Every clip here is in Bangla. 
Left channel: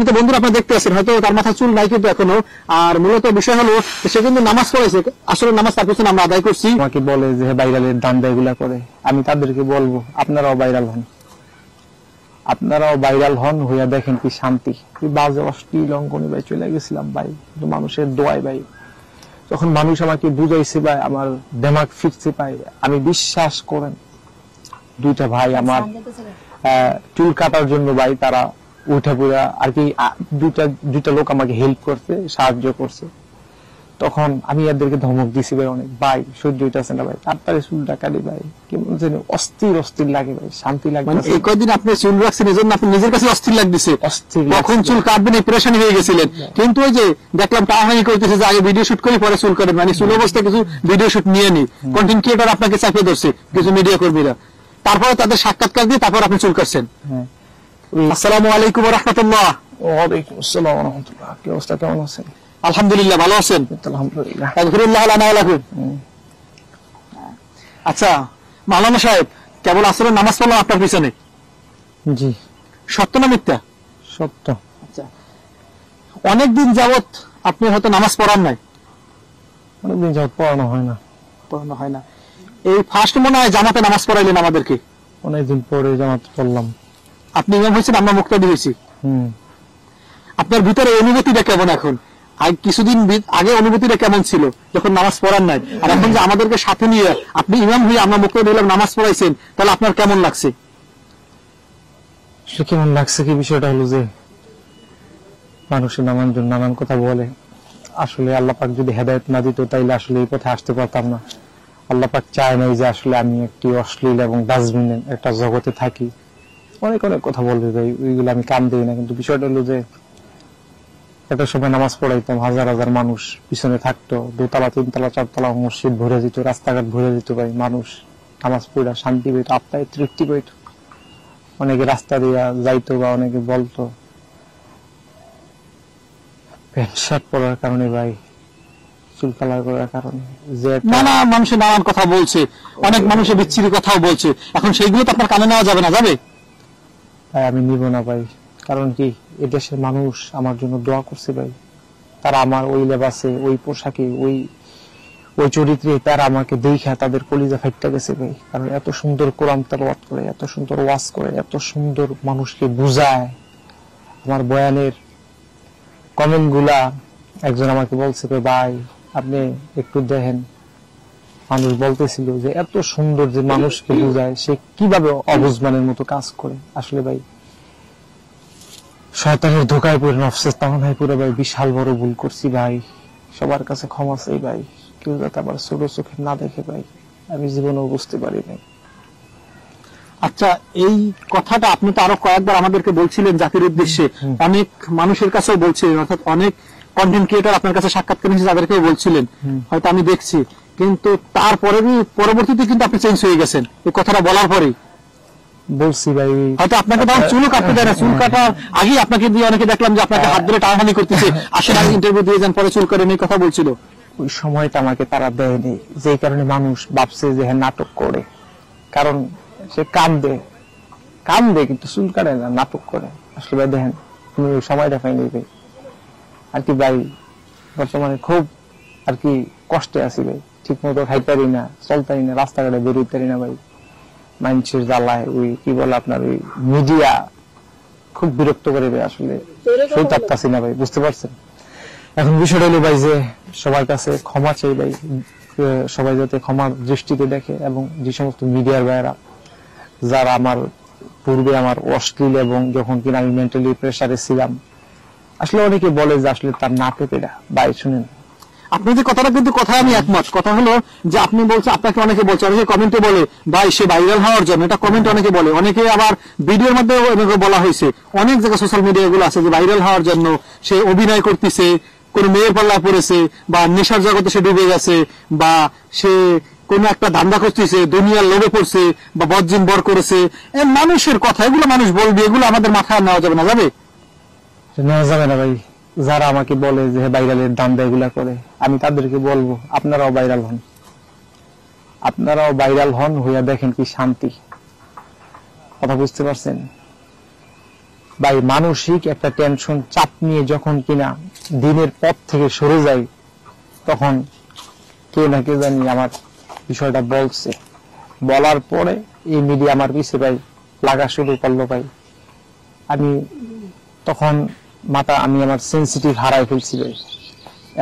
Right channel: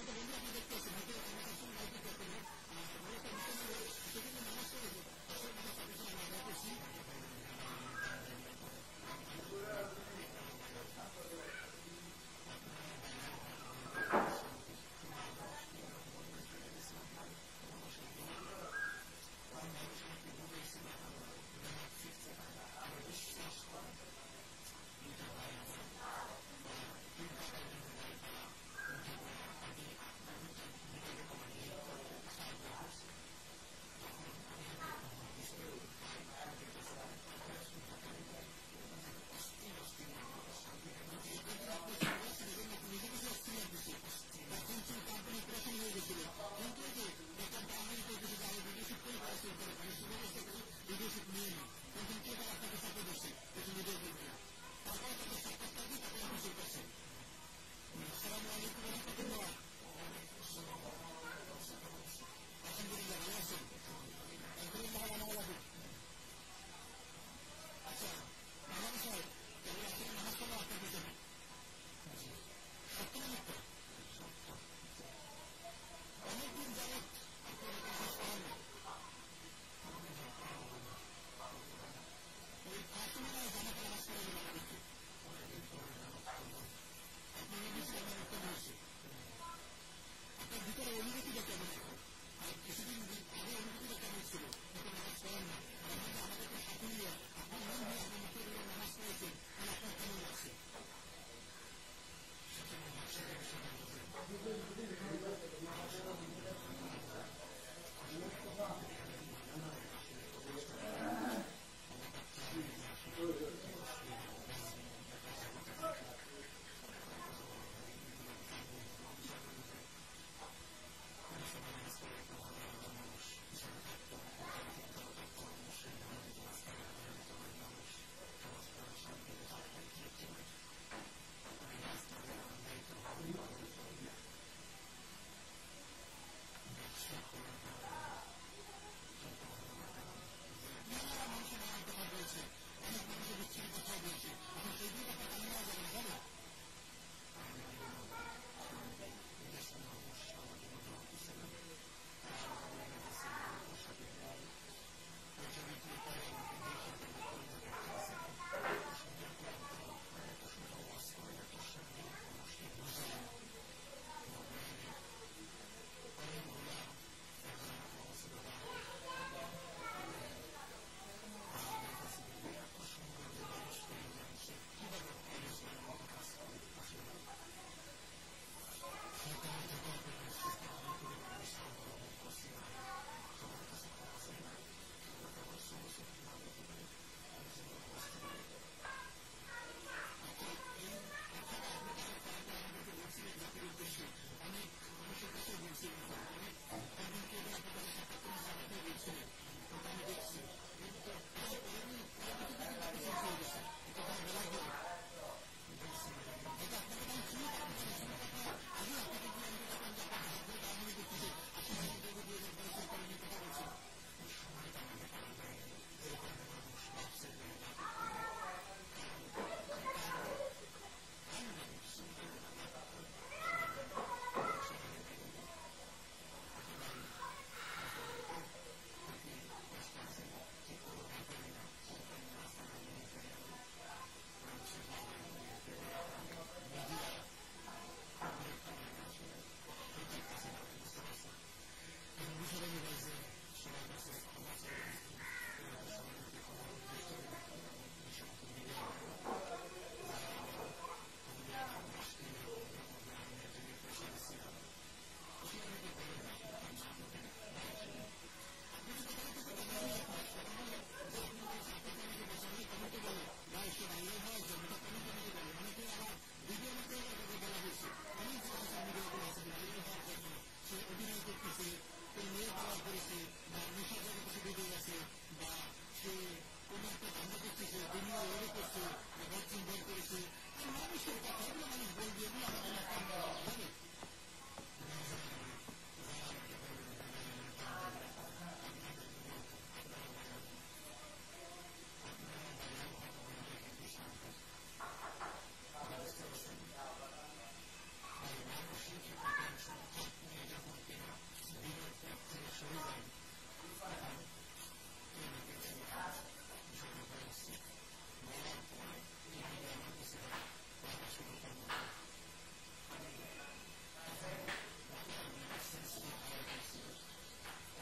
সম্মানিত বন্ধুরা, আপনারা দেখতে আছেন হয়তো তার মাথা চুল নাই কিন্তু এখনো। আর মূলত বিষয় হলো সে কিন্তু নামাজ পড়েছে, আসলে নামাজ তার পিছনে আমরা আদায় করছি। আমাকে বলে যে ভাইরালের ধান্দা এগুলা করে, আমি তাদেরকে বলবো আপনারাও ভাইরাল হন, আপনারাও ভাইরাল হন, হইয়া দেখেন কি শান্তি। কি বাজে অশ্লীল অঙ্কনে ভাই চলে গেছিলাম ভাই, মানুষের দোয়ায় ভাই। যখন মানুষ আমাকে বুঝাইছে ভাই, আমার দেমাগ ফিরছে ভাই। আমি বিশ্বাস করেন, দুইটা ভাই আমার চুল কাটার জন্য ভাই তারা উঠে পড়া আর কি, দুইটা লোক আমাকে হেল্প করতে সাহায্য করছে। তখন আমি এদেরকে ধমক দিছি ভাই অনেক, ভাই সহ্য হইতেছে না ভাই, তাড়াতাড়ি চুলটা কাটি ভাই। কেমন যেন অস্থির অস্থির লাগে ভাই, শান্তি লাগে। মানে এই কয়দিন আপনি চুল রাখছেন এই জন্য আপনি নিজের কাছে অস্থির লাগতেছে, কখন চুল কাটবেন এই প্রেশানি হয়ে গেছিলেন। কিন্তু ওই যে দেখলাম টাহানি করতেছে যে আগে ভিডিও শুট করি পরে চুল কাটেন, মানে চুল অবস্থায় কিছু ভিডিও শুট নিয়ে নি, কন্টেন্ট ক্রিয়েটর আপনাকে চাপিয়ে ধরছে কিছু মিডিয়া কর্মীরা, তারপরে তাদের সাক্ষাৎকার দিয়ে তারপর আপনি চুল কাটছেন। আসসালামু আলাইকুম ওয়া রাহমাতুল্লাহ। ওয়ালাইকুম আসসালাম ওয়া রাহমাতুল্লাহ। কি অবস্থা, কেমন আছেন? আলহামদুলিল্লাহ, ভালো আছেন? আলহামদুলিল্লাহ। আলহামদুলিল্লাহ লানা ওয়া লাকুম। আচ্ছা মাওলানা সাহেব, কেবল আসলে নামাজ পড়লাম আপনার পিছনে, জি সত্য না মিথ্যা? সত্য। আচ্ছা, অনেকদিন যাবত আপনি হয়তো নামাজ পড়ান নাই? অনেকদিন যাবত পড়ানো হয় না। পড়ানো হয় না, এই ফার্স্ট মনে হয় জামাতে নামাজ পড়াইলেন আমাদেরকে। অনেকদিন পরে জামাত পড়লাম। আপনি ইমাম হয়েছেন, আমরা মুক্তাদি হয়েছি। আপনার ভিতরে অনুভূতিটা কেমন এখন? কিছুদিন আগে অনুভূতিটা কেমন ছিল যখন নামাজ পড়ান নাই, আর এখন যে আমাদেরকে সাথে নিয়ে আপনি ইমাম হয়ে আমরা মুক্তাদি হলাম, নামাজ পড়াইছেন, তাহলে আপনার কেমন লাগছে? কেমন লাগছে কি, বিষয়টা হলো যে মানুষের নানান কথা বলে। আসলে আল্লাহ পাক যদি হেদায়েত না দিত তাইলে আসলে এই পথে আসতে পারতাম না। আল্লাহ পাক চায় নাই যে আসলে আমি একটি অশ্লীল এবং ডাস্টবিনে একটা জগতে থাকি। অনেক অনেক কথা বলবে ভাই, ওইগুলো আমি কান দিই না। কিন্তু বিষয়টা হলো যে একটা সময় নামাজ পড়াইতাম, হাজার হাজার মানুষ পিছনে থাকতো, দোতলা তিনতলা চারতলা মসজিদ ভরে যেত, রাস্তাঘাট ভরে যেত ভাই। মানুষ নামাজ পড়া শান্তি পেত, আত্মায় তৃপ্তি পেত। অনেকে রাস্তা দিয়া যাইতো বা অনেকে বলতো প্যান্ট শার্ট পরার কারণে ভাই, চুল কালার করার কারণে যে নানা মানুষের নানান কথা বলছে, অনেক মানুষের বিচ্ছিরি কথাও বলছে, এখন সেইগুলো তো আপনার কানে নেওয়া যাবে না, যাবে? ভাই আমি নিব না ভাই। কারণ কি, এদেশের মানুষ আমার জন্য দোয়া করছে ভাই। তারা আমার ওই লেবাসে, ওই পোশাকে, ওই চরিত্রে তারা আমাকে দেখা তাদের কলিজা ফাইটটা গেছে ভাই। কারণ এত সুন্দর কোরআন তেলাওয়াত করে, এত সুন্দর ওয়াজ করে, এত সুন্দর মানুষকে বুঝায়। আমার বয়ানের কমেন্ট গুলা, একজন আমাকে বলছে ভাই আপনি একটু দেখেন, মানুষ বলতেছিল যে এত সুন্দর যে মানুষকে বুঝায়, সে কিভাবে অবুঝমানের মতো কাজ করে। আসলে ভাই শয়তানের ধোকায় পড়ে, নফসের তামানায় পড়ে ভাই বিশাল বড় ভুল করছি ভাই। সবার কাছে ক্ষমা চাই ভাই, কেউ যাতে আবার ছোট চোখে না দেখে ভাই, আমি জীবনেও বুঝতে পারি নাই। আচ্ছা, এই কথাটা আপনি তো আরো কয়েকবার আমাদেরকে বলছিলেন জাতির উদ্দেশ্যে, অনেক মানুষের কাছেও বলছিলেন, অর্থাৎ অনেক কন্টেন্ট ক্রিয়েটর আপনার কাছে সাক্ষাৎকার নিয়েছে, তাদেরকেও বলছিলেন, হয়তো আমি দেখছি। কিন্তু তারপরে পরবর্তীতে কিন্তু আপনি চেঞ্জ হয়ে গেছেন এই কথাটা বলার পরেই। বলছি ভাই, হয়তো আপনাকে তখন চুলও কাটতে দেয় না, চুল কাটার আগে আপনাকে দিয়ে অনেকে দেখলাম যে আপনাকে হাত ধরে টানাটানি করতেছে, আসেন আগে ইন্টারভিউ দিয়ে যান, পরে চুল কাটেন, এই কথা বলছিল। ওই সময়টা আমাকে তারা দেয়নি, যে কারণে মানুষ ভাবছে যে হ্যাঁ নাটক করে। কারণ সে কান্দে কিন্তু চুল কাটে না, নাটক করে। আসলে ভাই দেখেন, তুমি ওই সময়টা পাইনি ভাই। আর কি ভাই, বর্তমানে খুব আর কি কষ্টে আছি ভাই, ঠিক মতো খাইতারি না, চলতারি না, রাস্তাঘাটে বেরোইতারি না ভাই। মানুষের জ্বালায় ওই কি বলে আপনার ওই মিডিয়া খুব বিরক্ত করে ভাই, আসলে সইতে পারতাছি না ভাই, বুঝতে পারছেন? এখন বিষয়টা হলো ভাই যে সবার কাছে ক্ষমা চাই ভাই, সবাই যাতে ক্ষমার দৃষ্টিতে দেখে। এবং যে সমস্ত মিডিয়ার ভাইয়েরা যারা আমার পূর্বে আমার অশ্লীল এবং যখন কিনা আমি মেন্টালি প্রেসারে ছিলাম, আসলে অনেকে বলে যে আসলে তার নাটকেরা ভাই শুনেন, আপনি যে কথাটা কিন্তু কথা আমি একমত। কথা হলো যে আপনি বলছেন, আপনাকে অনেকে বলছে, অনেকে কমেন্টে বলে ভাই সে ভাইরাল হওয়ার জন্য, এটা কমেন্ট অনেকে বলে, অনেকে আবার ভিডিওর মধ্যে বলা হয়েছে, অনেক জায়গায় সোশ্যাল মিডিয়া গুলো আছে যে ভাইরাল হওয়ার জন্য সে অভিনয় করতেছে, কোন মেয়ের পাল্লায় পড়েছে, বা নেশার জগতে সে ডুবে গেছে, বা সে কোন একটা ধান্দা করতেছে, দুনিয়ার লোভে পড়ছে, বা বজ্জিন বর করেছে। মানুষের কথা, এগুলো মানুষ বলবে, এগুলো আমাদের মাথায় নেওয়া যাবে না, যাবে? নেওয়া যাবে না ভাই। যারা আমাকে বলে যে ভাইরালের ধান্দা এগুলা করে, আমি তাদেরকে বলবো আপনারাও ভাইরাল হন, আপনারাও ভাইরাল হন, হইয়া দেখেন কি শান্তি। কথা বুঝতে পারছেন? ভাই মানসিক একটা টেনশন চাপ নিয়ে যখন কিনা দিনের পথ থেকে সরে যাই, তখন কেউ না কেউ জানি আমার বিষয়টা বলছে, বলার পরে এই মিডিয়া আমার পিছে ভাই লাগা শুরু করলো ভাই। আমি তখন আমি আমার সেন্সিটিভ হারাই ফেলছি ভাই।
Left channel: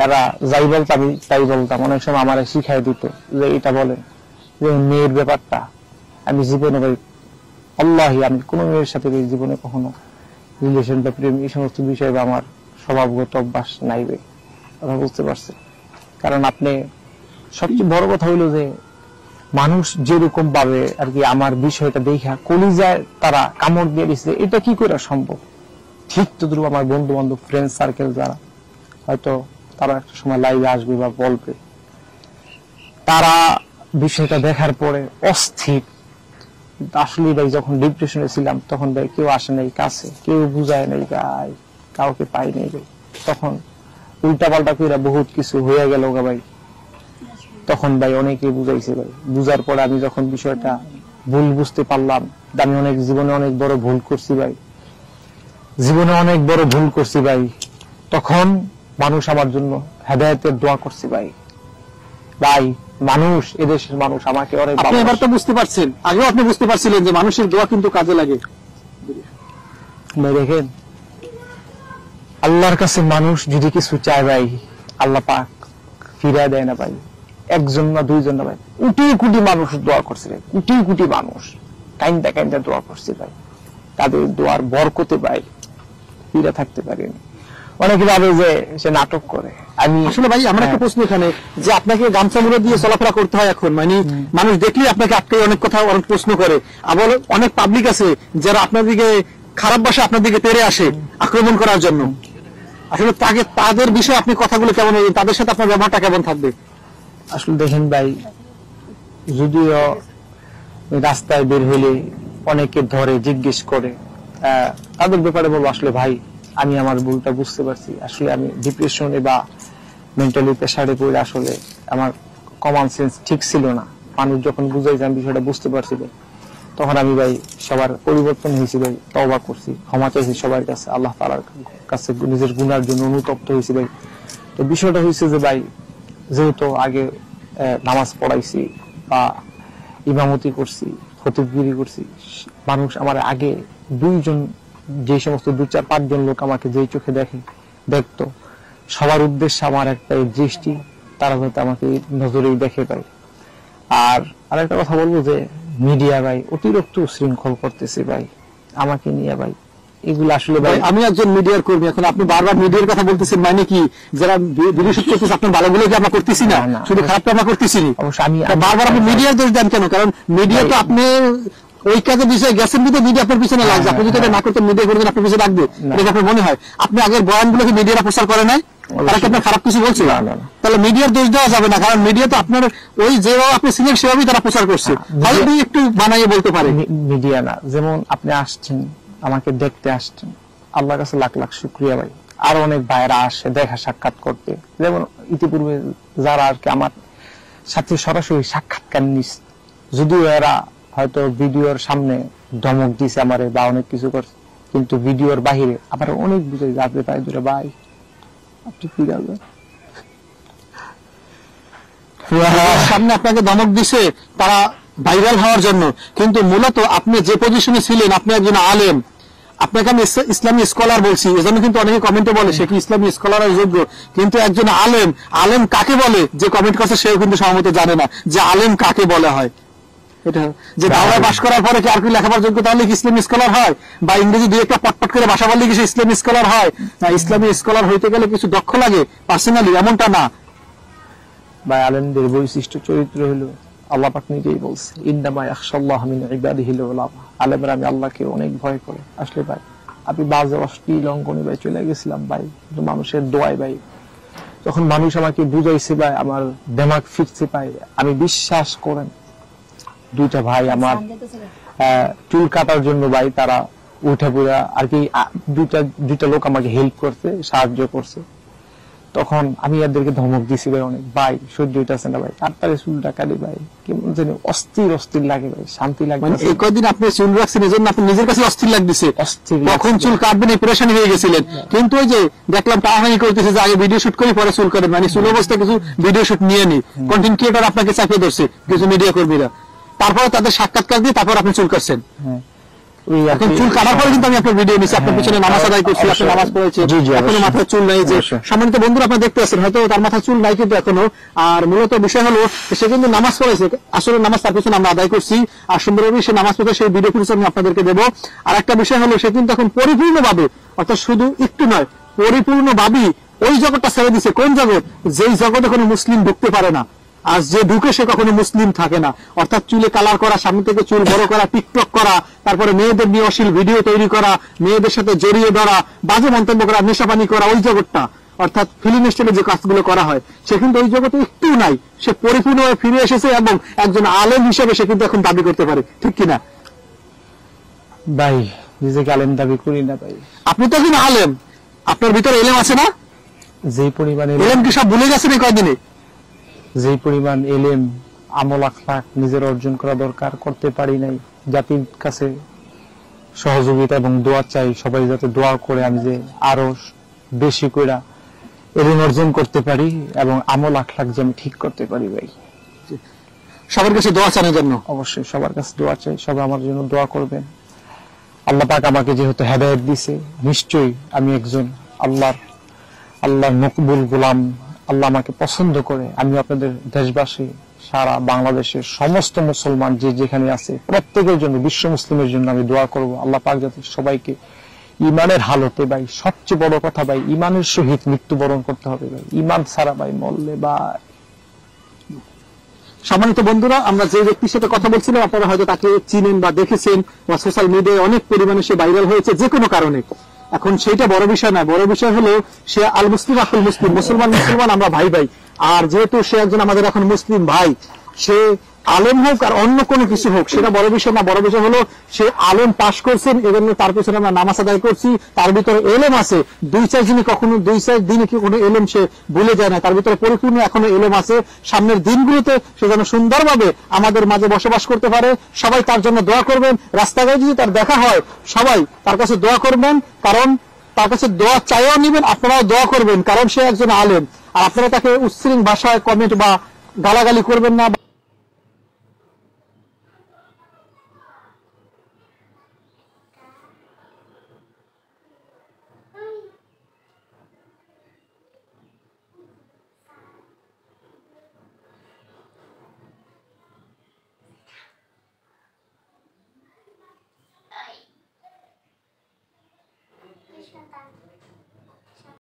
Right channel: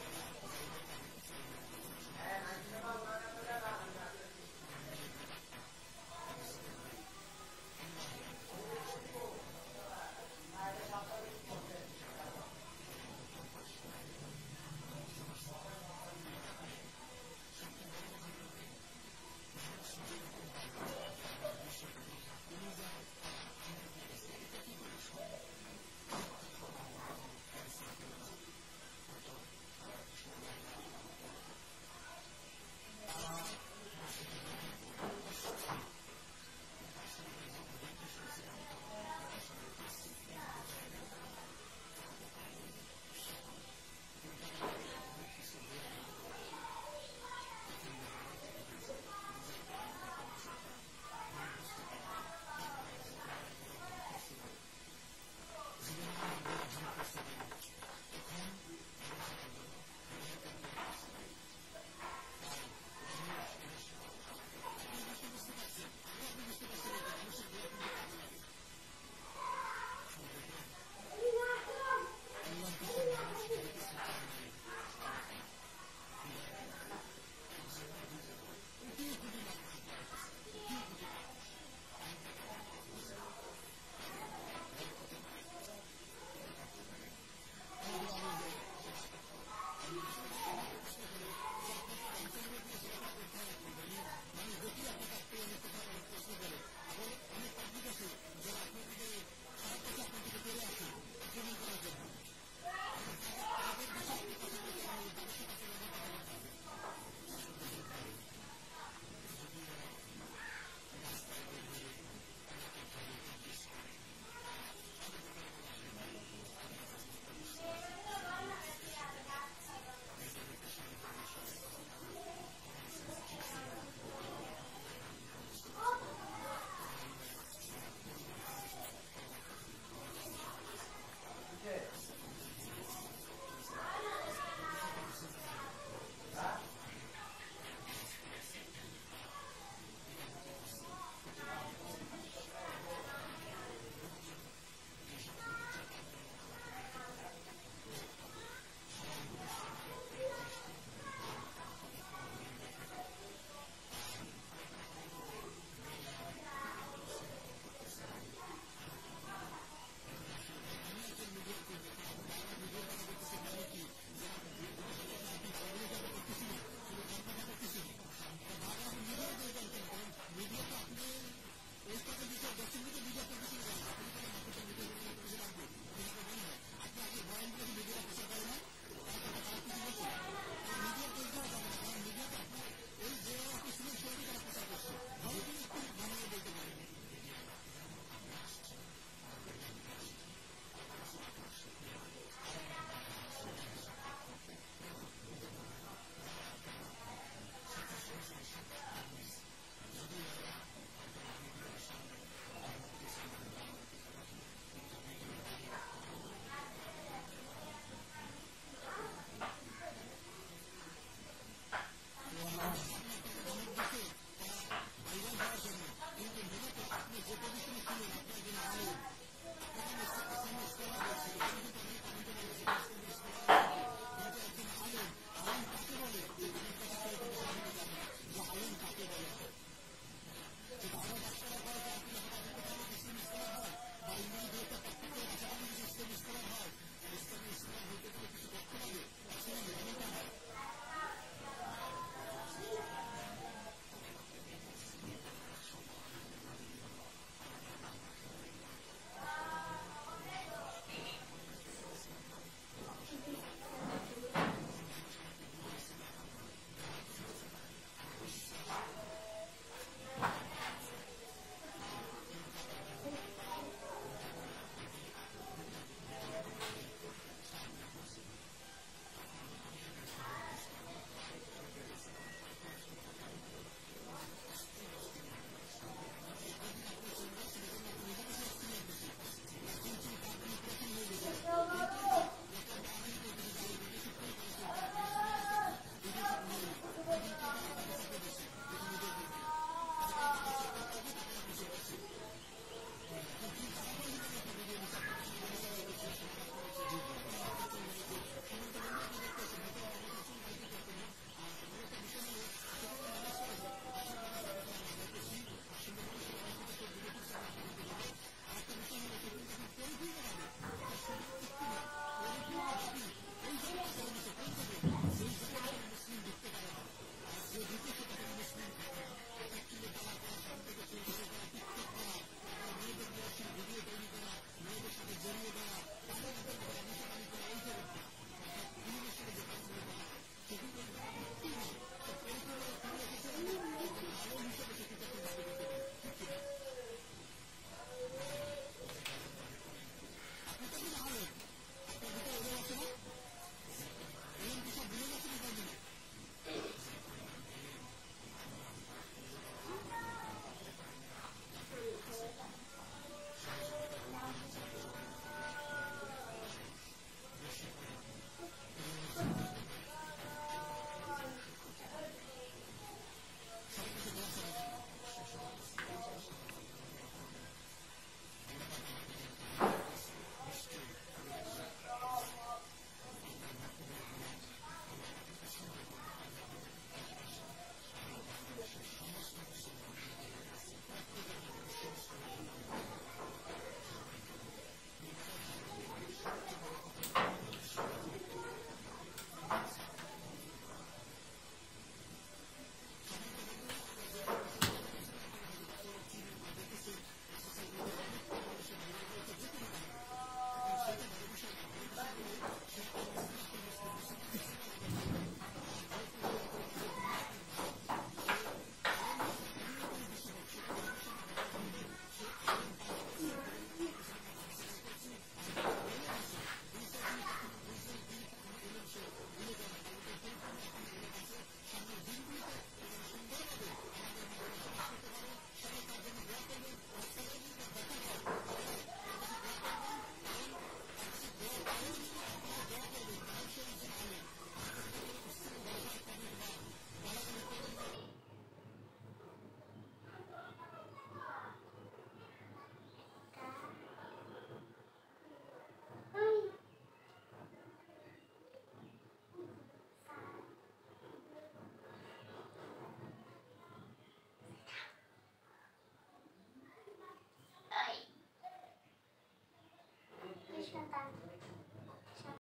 এরা যাই বলতো আমি তাই বলতাম। অনেক সময় আমার শিখাই দিত যে এটা বলে যে মেয়ের ব্যাপারটা, আমি জীবনে ভাই আল্লাহি আমি কোনো মেয়ের সাথে জীবনে কখনো রিলেশন বা প্রেম এই সমস্ত বিষয়ে আমার স্বভাবগত অভ্যাস নাই ভাই। কথা বুঝতে পারছি। কারণ আপনি সবচেয়ে বড় কথা হইলো যে মানুষ যেরকম ভাবে আর কি আমার বিষয়টা দেখা কলিজায় তারা কামড় দিয়ে দিচ্ছে, এটা কি করে সম্ভব? ঠিক তদ্রুপ আমার বন্ধু বান্ধব ফ্রেন্ড সার্কেল যারা হয়তো তারা একটা সময় লাইভে আসবে বা বলবে, তারা বিষয়টা দেখার পরে অস্থির। আসলে ভাই যখন ডিপ্রেশনে ছিলাম তখন ভাই কেউ আসে নাই কাছে, কেউ বুঝায় নাই ভাই, কাউকে পাই নাই ভাই। তখন উল্টা পাল্টা করে বহুত কিছু হয়ে গেল ভাই। তখন ভাই অনেকে বুঝাইছে ভাই। বুঝার পরে আমি যখন বিষয়টা ভুল বুঝতে পারলাম, আমি অনেক জীবনে অনেক বড় ভুল করছি ভাই, জীবনে অনেক বড় ভুল করছি ভাই, তখন মানুষ আমার জন্য হেদায়েতের দোয়া করছে ভাই। ভাই মানুষ, এদেশের মানুষ আমাকে অনেক আপনি এবার তো বুঝতে পারছেন, আগেও আপনি বুঝতে পারছিলেন যে মানুষের দোয়া কিন্তু কাজে লাগে ভাই। দেখেন আল্লাহর কাছে মানুষ যদি কিছু চায় ভাই, আল্লাহ পাক ফিরিয়ে দেয় না ভাই। একজন না দুইজন না ভাই, কোটি কোটি মানুষ দোয়া করছে ভাই, কোটি কোটি মানুষ কাইন্দা কাইন্দা দোয়া করছে ভাই। তাদের দোয়ার বরকতে ভাই ফিরে থাকতে পারেনি। অনেকে ভাবে যে সে নাটক করে। আমি আসলে ভাই আমার একটা প্রশ্ন এখানে, যে আপনাকে গামছা মুড়ে দিয়ে চলাফেরা করতে হয় এখন, মানে মানুষ দেখলেই আপনাকে আটকে অনেক কথা অনেক প্রশ্ন করে। আবার অনেক পাবলিক আছে যারা আপনার দিকে খারাপ ভাষা আপনার দিকে তেড়ে আসে আক্রমণ করার জন্য। আসলে তাদের বিষয়ে আপনি কথাগুলো কেমন, তাদের সাথে আপনার ব্যবহারটা কেমন থাকবে? আসলে দেখেন ভাই, যদিও রাস্তায় বের হইলে অনেকে ধরে জিজ্ঞেস করে, তাদের ব্যাপারে বলবো আসলে ভাই আমি আমার ভুলটা বুঝতে পারছি। আসলে আমি ডিপ্রেশনে বা মেন্টালি প্রেসারে পড়ে আসলে আমার কমন সেন্স ঠিক ছিল না। মানুষ যখন বুঝাইছে আমি বিষয়টা বুঝতে পারছিল, তখন আমি ভাই সবার পরিবর্তন হয়েছি ভাই, তওবা করছি, ক্ষমা চাইছি সবার কাছে, আল্লাহ তাআলার কাছে নিজের গুনার জন্য অনুতপ্ত হয়েছি ভাই। তো বিষয়টা হয়েছে যে ভাই, যেহেতু আগে নামাজ পড়াইছি বা ইমামতি করছি, খতিবগিরি করছি, মানুষ আমার আগে দুইজন, যে সমস্ত 2-4-5 জন লোক আমাকে যেই চোখে দেখতো, সবার উদ্দেশ্যে আমার একটা দৃষ্টি, তারা যাতে আমাকে নজরেই দেখে পায়। আর আরেকটা কথা বলবো যে মিডিয়া ভাই অতিরিক্ত উশৃঙ্খল করতেছে ভাই আমাকে নিয়ে ভাই। এগুলো আসলে ভাই, আমি একজন মিডিয়ার কর্মী, এখন আপনি বারবার মিডিয়ার কথা বলতেছেন, মানে কি যারা ভিডিও শুট করতেছে আপনার ভালোগুলো কি আমরা করতেছি না, শুধু খারাপটা আমরা করতেছি না? অবশ্যই আমি বারবার আপনি মিডিয়ার দোষ দেন কেন? কারণ মিডিয়া তো আপনি ওই কাজের বিষয়ে গেছেন, কিন্তু মিডিয়া আপনার পিছনে লাগছে। আপনি যদি এটা না করতেন, মিডিয়া করে আপনার পিছনে লাগবে, এটা আপনার মনে হয়? আপনি আগের বয়ানগুলো কি মিডিয়ারা প্রচার করে নাই? তারা কি আপনার খারাপ কিছু বলছে? তাহলে মিডিয়ার দোষ দেওয়া যাবে না, কারণ মিডিয়া তো আপনার ওই যেভাবে আপনি ছিলেন সেভাবেই তারা প্রচার করছে। তাহলে আপনি একটু বানাইয়ে বলতে পারেন। মিডিয়া না, যেমন আপনি আসছেন, আমাকে দেখতে আসছেন, আল্লাহর কাছে লাখ লাখ শুকরিয়া ভাই। আর অনেক ভাইরা আসে দেখা সাক্ষাৎ করতে, যেমন ইতিপূর্বে যারা আর কি আমার সাথে সরাসরি সাক্ষাৎকার নিস, যদিও এরা হয়তো ভিডিওর সামনে ধমক দিছে আমারে বা অনেক কিছু করছে, কিন্তু ভিডিওর বাহিরে আবার অনেক বুঝে যাবে পাই দূরে ভাই আপনি কি যাবেন সামনে আপনাকে ধমক দিছে তারা ভাইরাল হওয়ার জন্য, কিন্তু মূলত আপনি যে পজিশনে ছিলেন, আপনি একজন আলেম, আপনাকে আমি ইসলামী স্কলার বলছি, এজন্য কিন্তু অনেকে কমেন্টে বলে সে কি ইসলামী স্কলারের যোগ্য, কিন্তু একজন আলেম, আলেম কাকে বলে যে কমেন্ট করছে সেও কিন্তু সম্ভবত জানে না যে আলেম কাকে বলা হয়। এটা যে দাওরায় পাশ করার পরে কি আর কি লেখাপড়ার যোগ্য তাহলে কি ইসলামী স্কলার হয়, বা ইংরেজি দুই একটা পটপট করে ভাষা বললে কি সে ইসলামী স্কলার হয়? না, ইসলামী স্কলার হইতে গেলে কিছু দক্ষ লাগে পার্সোনালি, এমনটা না ভাই। আলেমদের বৈশিষ্ট্য চরিত্র হলো আল্লাহ পাক নিজেই বলছে, ইন্নামা ইয়াখশাল্লাহ মিন ইবাদিহিল উলামা, আলেমরা আমি আল্লাহকে অনেক ভয় করে। আসলে ভাই আমি বাজে অশ্লীল অঙ্গনে ভাই চলে গেছিলাম ভাই, মানুষের দোয়ায় ভাই। যখন মানুষ আমাকে বুঝাইছে ভাই, আমার দেমাগ ফিরছে ভাই। আমি বিশ্বাস করেন, দুইটা ভাই আমার চুল কাটার জন্য ভাই তারা উঠে পড়া আর কি, দুইটা লোক আমাকে হেল্প করছে, সাহায্য করছে। তখন আমি এদেরকে ধমক দিছি ভাই অনেক, ভাই সহ্য হইতাছে না ভাই, তাড়াতাড়ি চুলটা কাটি ভাই, কেমন জানি অস্থির অস্থির লাগে ভাই, শান্তি লাগে মানে এই কয়দিন আপনি চুল রাখছেন এজন্য আপনি নিজের কাছে অস্থির লাগতেছে, অস্থির কখন লাগছে। চুল কাটবেন এই প্রেশানি হয়ে গেছিলেন। কিন্তু ওই যে দেখলাম টাহানি করতেছে যে আগে ভিডিও শুট করে পরে চুল কাটেন, মানে চুল অবস্থায় কিছু ভিডিও শুট নিয়ে নি, কন্টেন্ট ক্রিয়েটর আপনাকে চাপিয়ে ধরছে কিছু মিডিয়া কর্মীরা, তারপরে তাদের সাক্ষাৎকার দিয়ে তারপর আপনি চুল কাটছেন। হ্যাঁ, ওই আর এখন কি। চুল কাটার পরে কিন্তু আমি আপনার ভিডিও নিচ্ছি, আপনার হ্যাঁ, পিছনে নামাজ আদায় করছি, আপনি অবশ্যই। নামাজ পড়েছে, জি, জি, এখনো অবশ্যই। মাথায় চুল নাই, যে অবশ্যই। সম্মানিত বন্ধুরা আপনারা দেখতে পাচ্ছেন হয়তো তার মাথায় চুল নাই কিন্তু এখনো। আর মূলত বিষয় হলো সে কিন্তু নামাজ পড়েছে, আসলে নামাজ তার পিছনে আমরা আদায় করছি, আর সুন্দরভাবে সে নামাজ পড়ে সেই ভিডিও ফুটেজ আমি আপনাদেরকে দেবো। আর একটা বিষয় হলো সে কিন্তু এখন পরিপূর্ণভাবে, অর্থাৎ শুধু একটু নয় পরিপূর্ণভাবেই ওই জগৎটা ছেড়ে দিচ্ছে। কোন জগৎ? যেই জগতে কোনো মুসলিম ঢুকতে পারে না, আর যে ঢুকে সে কখনো মুসলিম থাকে না। অর্থাৎ চুলে কালার করা, সামনে থেকে চুল বড় করা, টিকটক করা, তারপরে মেয়েদের নিয়ে অশ্লীল ভিডিও তৈরি করা, মেয়েদের সাথে জড়িয়ে ধরা, বাজে মন্তব্য করা, নেশাপানি করা, ওই জগৎটা অর্থাৎ ফিল্ম স্টাইলে যে কাজগুলো করা হয় সে কিন্তু ওই জগতে একটু নাই। সে পরিপূর্ণভাবে ফিরে এসেছে এবং একজন আলেম হিসেবে সে কিন্তু এখন দাবি করতে পারে, ঠিক কিনা? ভাই নিজেকে আলেম দাবি করি না ভাই, আপনি তো এখন আলেম, আপনার ভিতরে এলেম আছে না? যেই পরিমাণে এলেম কি সব ভুলে গেছেন এই কয়দিনে? যেই পরিমাণ এলেম আমল আখলাক নিজের অর্জন করা দরকার করতে পারি নাই। জাতির কাছে সহযোগিতা এবং দোয়া চাই, সবাই যাতে দোয়া করে আমি যে আরো বেশি করে এলেম অর্জন করতে পারি এবং আমল আখলাক যে আমি ঠিক করতে পারি ভাই। সবার কাছে দোয়া চানোর জন্য অবশ্যই সবার কাছে দোয়া চাই, সবাই আমার জন্য দোয়া করবেন। আল্লাহ পাক আমাকে যেহেতু হেদায়েত দিছে, নিশ্চয়ই আমি একজন আল্লাহর মকবুল গোলাম। আল্লাহ আমাকে পছন্দ করে। আমি আপনাদের দেশবাসী, সারা বাংলাদেশের সমস্ত মুসলমান যে যেখানে আছে প্রত্যেকের জন্য, বিশ্ব মুসলিমের জন্য আমি দোয়া করব আল্লাহ পাক যাতে সবাইকে ইমানের হালতে, ভাই সবচেয়ে বড় কথা ভাই, ইমানের সহিত মৃত্যুবরণ করতে হবে ভাই। ইমান ছাড়া ভাই মরলে বা সম্মানিত বন্ধুরা, আমরা যে ব্যক্তির সাথে কথা বলছিলাম আপনারা হয়তো তাকে চিনেন বা দেখেছেন, বা সোশ্যাল মিডিয়ায় অনেক পরিমাণে সে ভাইরাল হয়েছে যে কোনো কারণে। এখন সেইটা বড় বিষয় না, বড় বিষয় হলো সে আল মুসলিম আকুল মুসলিম, মুসলমান আমরা ভাই ভাই। আর যেহেতু সে একজন আমাদের এখন মুসলিম ভাই, সে আলেম হোক আর অন্য কোনো কিছু হোক সেটা বড় বিষয় না। বড় বিষয় হলো সে আলেম পাশ করছেন, এজন্য তার পিছনে আমরা নামাজ আদায় করছি। তার ভিতরে এলেম আছে, 2-4 দিনে কি কোনো এলেম সে ভুলে যায় না, তার ভিতরে পরিপূর্ণ এখনো এলেম আছে। সামনের দিনগুলোতে সে যেন সুন্দরভাবে আমাদের মাঝে বসবাস করতে পারে। সবাই তার জন্য দোয়া করবেন। রাস্তাঘাটে যদি তার দেখা হয় সবাই তার কাছে দোয়া করবেন, কারণ তার কাছে দোয়া চাইও নিবেন, আপনারাও দোয়া করবেন, কারণ সে একজন আলেম। আর আপনারা তাকে উচ্ছৃঙ্খল ভাষায় কমেন্ট বা গালাগালি করবেন না।